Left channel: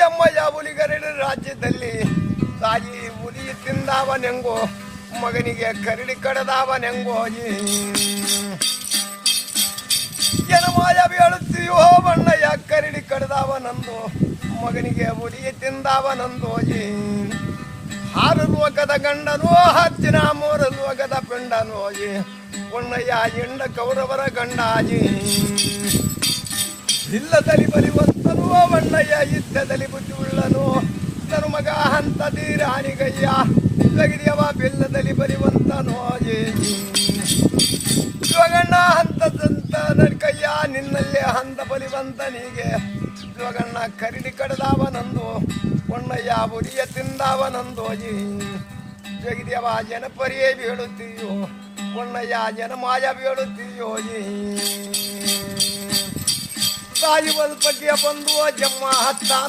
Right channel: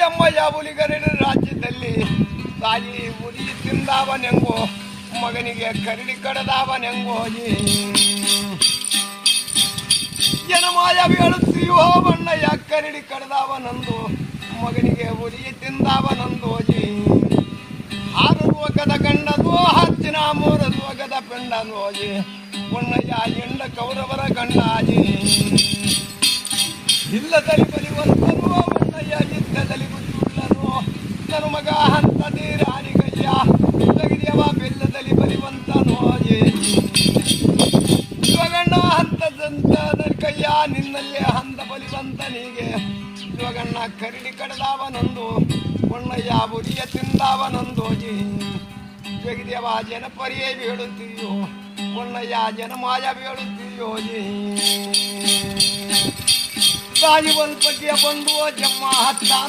ಜಮ್ಮಯ್ಯ ಹುಲಿಗರಡಿ ರಾಜ್ಯದಲ್ಲಿ ತಾಯಿ ಹುಲಿ ತಿಂದವನೆಂಗೋ ಮಗನಿಗೆ ಕರಡಿ ಕಡದವನೆಂಗೋಜಿ ಜನಮಾಯ ಹೇಳುತ್ತೀಯೋ ಬಣ್ಣಯ್ಯ ಕರಡಿ ಕಡದವನಂದು ಮಗನಿಗೆ ಹುಲಿ ತಿಂದವನಂದೋಜಿ 6 ಲೋಕದ ಗಂಡನೋ ಹಚ್ಚಿನ 3 ಲೋಕದ ಪಿಂಡನೋಜಿ ಬಣ್ಣಯ್ಯ ಎಂಡ ಕೌರವರ ಗಂಡಾಜಿ ಇಲ್ಲದಲ್ಲಿ ಬಲಿವಂತನು ಬಣ್ಣಯ್ಯ ಯುದ್ಧದಲ್ಲಿ ಬುದ್ಧಿಯುಳ್ಳನು ನನ್ನ ಮಗ ಹಂತ ಧೀರಾಣಿಗಯ್ಯ ತೆಗೆದಿಯವ ಬೆಲ್ಲದಲ್ಲಿ ಬಲಿವಂತನೋಜಿ ಶಿವಗಣ್ಣ ಹಂತ ಸಂತ ಕಯ್ಯ ನಿನ್ನಲ್ಲೇ ಹಂತ ಬಲಿವಂತನಿಗೆ ಶಿವಗಣ್ಣ ಕರಡಿ ಕಡದವನಂದು ಬಣ್ಣಯ್ಯ ಬುರಿಯ ತಿಂದವನಂದೋಜಿ ಜಗದೇವ ಜನಪರಿಯೇ ಬೀಳುತ್ತೀಯೋ ಬಣ್ಣಯ್ಯ ಜನಮಾಯ ಬೀಳುತ್ತೀಯೋಜಿ ತಾಯಿ ಬಲ್ಪಟ್ಟಿಯ ಬಂದು ಜಮ್ಮ ಹತ್ತ